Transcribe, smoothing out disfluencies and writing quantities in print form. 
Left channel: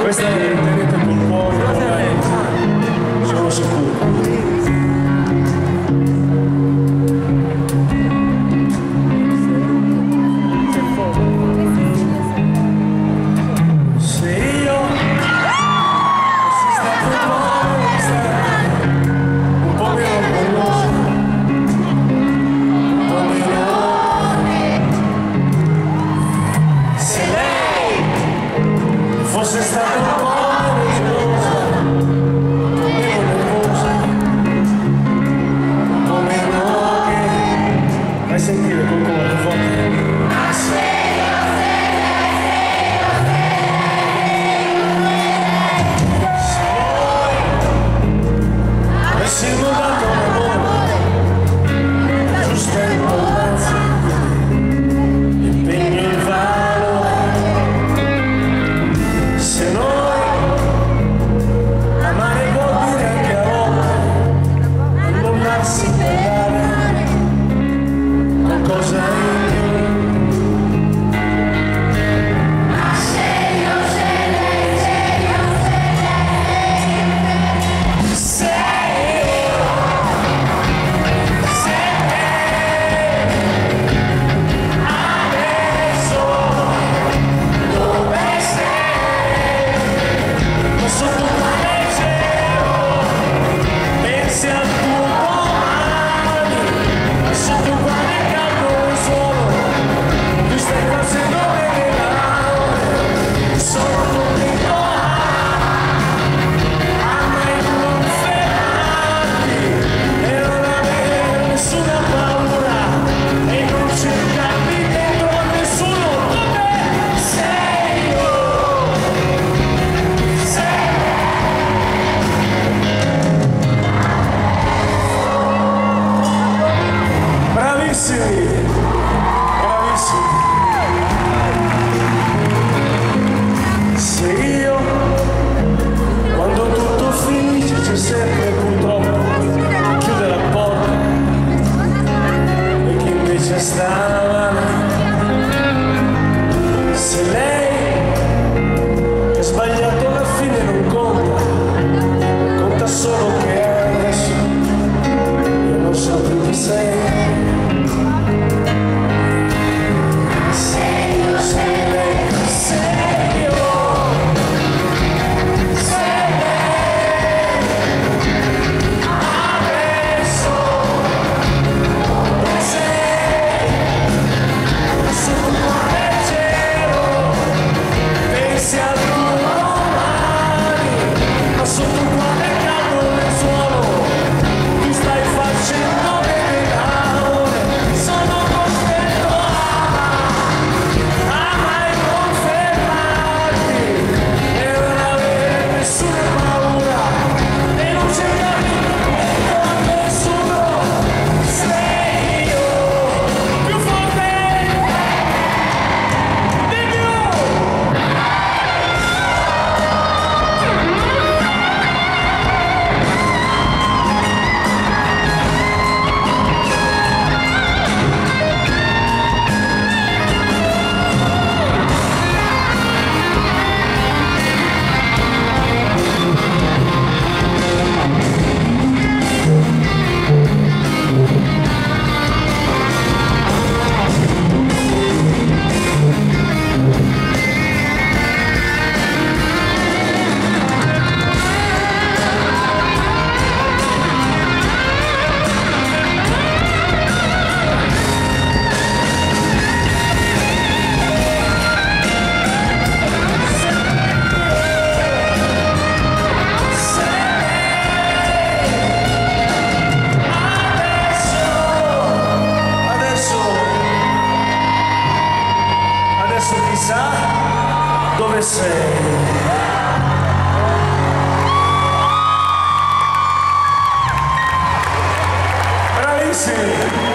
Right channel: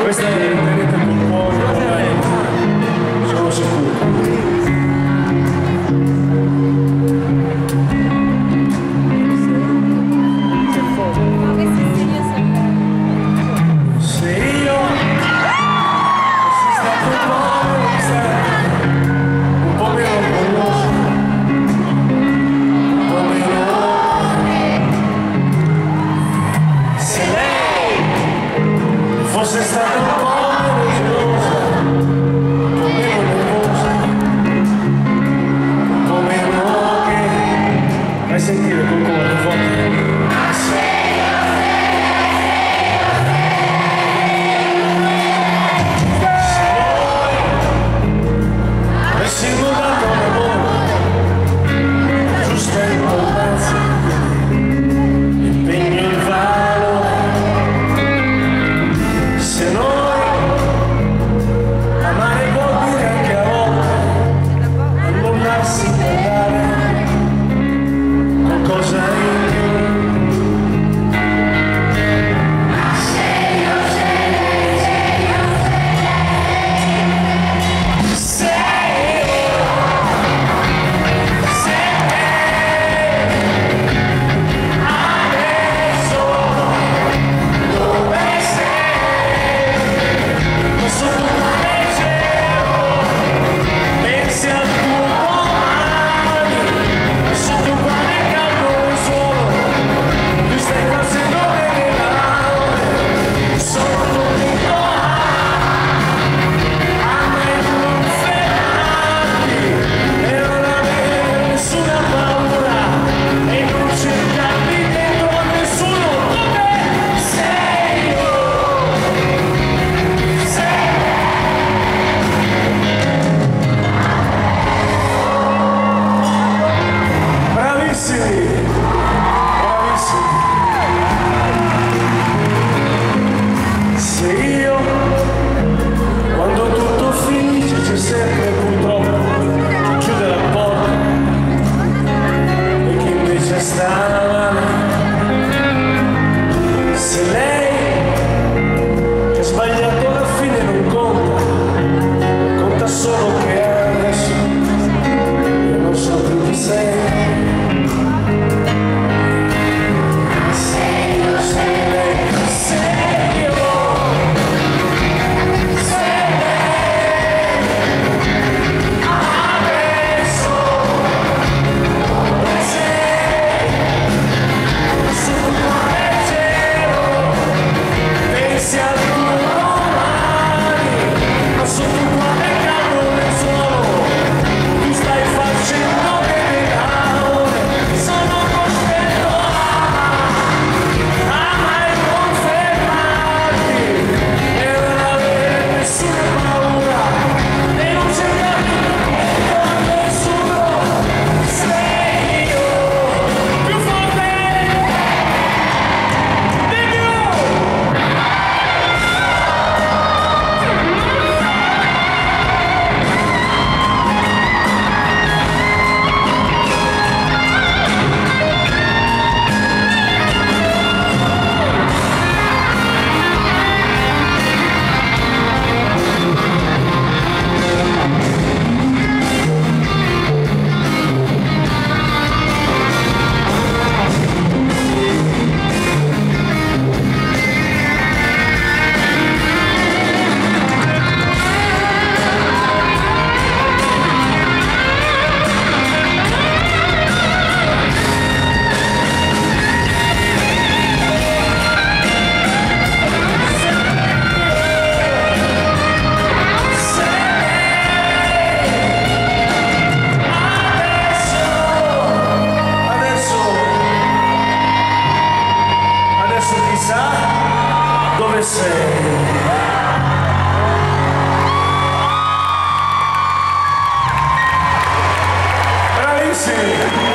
Questa è tenete col cuore, sono sicuro. Fosse stata un po' meno gelosa, un po' meno nervosa, un po' meno che... Vai a sentire col cuore, forte. Se noi avessimo dato un amore, giusta importanza, impegno il valore. Se noi amare vuol dire anche a volte annullarsi per dare qualcosa in più. Bravissimi. Se io, quando tutto finisce, c'è sempre purtroppo chi chiude la porta e chi invece sta male. Se lei che ha sbagliato alla fine non conta, conta solo che adesso io non so più chi sei. Chissà dove sei. Bravissimi!